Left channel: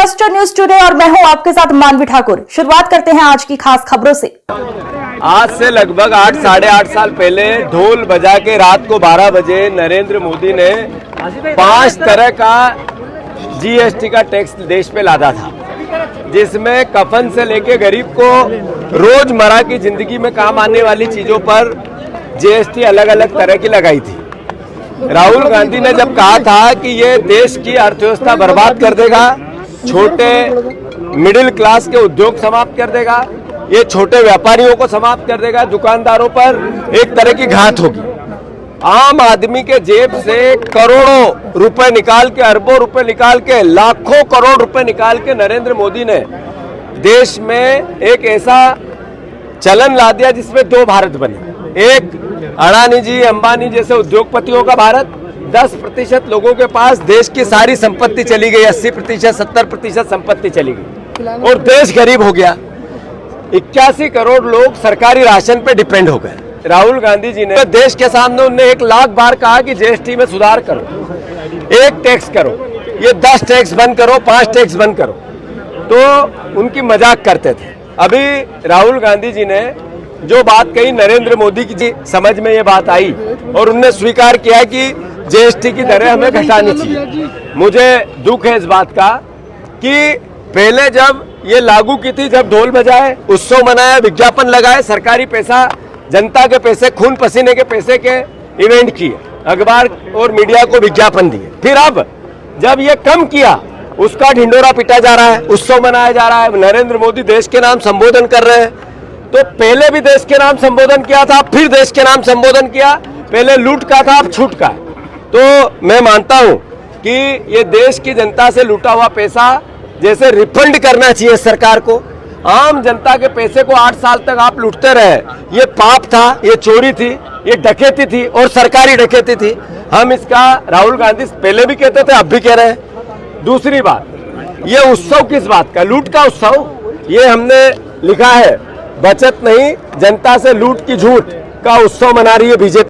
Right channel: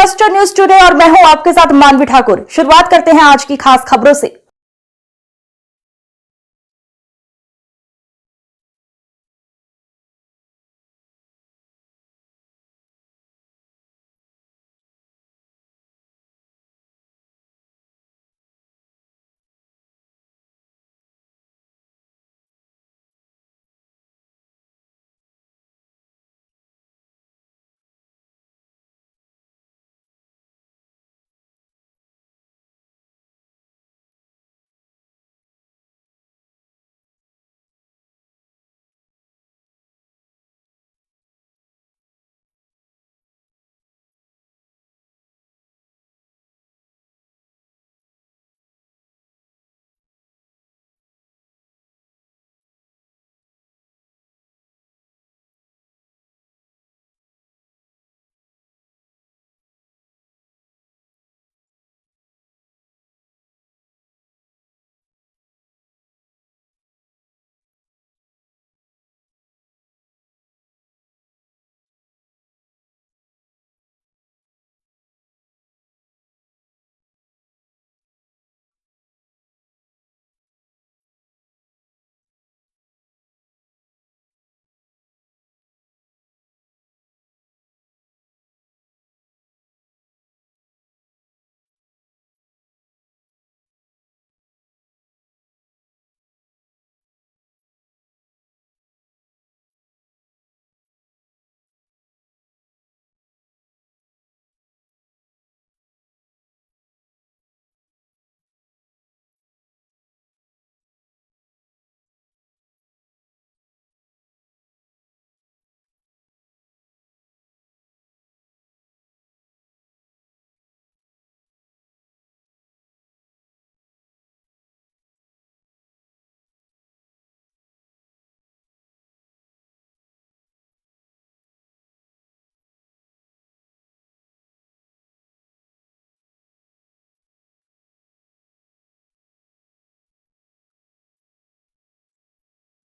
Cluster news today और मैं हूं आपके साथ मानवी ठाकुर। शुरुआत करते हैं आज की खास खबरों से। आज से लगभग 8-8.5 साल पहले ढोल बजा के रात को 12 बजे नरेंद्र मोदी ने 5 तरह का जीएसटी का टैक्स देश पे लादा था, जिसमें कफन से लेके गरीब को रोजमर्रा की जिंदगी में काम आने वाली चीजों पर जीएसटी अलग अलग तरह की लगाई थी। राहुल गांधी ने जब कहा था कि ये देश की अर्थव्यवस्था बर्बाद कर देगा, छोटे मिडिल क्लास के उद्योग समाप्त कर देगा, ये छोटे व्यापारियों को समाप्त कर देगा, दुकानदारों पर एक तरह की घात होगी। आम आदमी के जेब से करोड़ों रुपए निकाल के, अरबों रुपए निकाल के, लाखों करोड़ रुपए निकाल के नरेंद्र मोदी ने देश में एक ऐसा चलन ला दिया जिसमें 2 भारत बने। एक अडानी जी, अंबानी जैसे उद्योगपतियों का भारत, 10% लोगों के पास देश की सारी संपत्ति चली गई, 80%, 70% संपत्ति चली गई और देश गरीब हो गया। 81 करोड़ लोग सरकारी राशन पे डिपेंड हो गए। राहुल गांधी जी ने देश के सामने उन्हें 1 लाख बार कहा कि जीएसटी में सुधार करो, 1 टैक्स करो, ये 10 टैक्स बंद करो, 5 टैक्स बंद करो, तो उनकी मजाक करते थे। अभी राहुल गांधी जी ने जो बात कही, नरेंद्र मोदी की समझ में ये बात आई और उन्होंने स्वीकार किया कि जीएसटी की दरें हमें घटानी चाहिए। मुझे दुख है इस बात का कि पहले जब ये लागू की थी, जब ढोल बजाए, उत्सव मनाया, विज्ञापन लगाए, सरकारी पैसा, जनता के पैसे, खून पसीने के पैसे के इवेंट किए, अखबार और मीडिया को विज्ञापन दिए। फिर अब जब ये कम किया, उसका ढिंडोरा पिटा जा रहा है, उत्सव मनाया जा रहा है, नरेंद्र मोदी देश के नाम संबोधन कर रहे हैं। तो पहले भी देश के नाम संबोधन किया था, फिर देश के नाम संबोधन किया, पहले लूट का था, अब छूट का है। तो मैं मानता हूं कि ये देश की जनता से लूटा हुआ पैसा जैसे रिफंड करना चाहिए सरकार को। आम जनता के पैसे को 8 साल तक आप लूटते रहे, ये पाप था, ये चोरी थी, ये डकैती थी और सरकारी डकैती थी। हम इसका, राहुल गांधी पहले भी कहते थे, अब भी कह रहे हैं। दूसरी बात, ये उत्सव किस बात का, लूट का उत्सव, ये हमने लिखा है, बचत नहीं, जनता से लूट की झूठ का उत्सव मना रही है बीजेपी।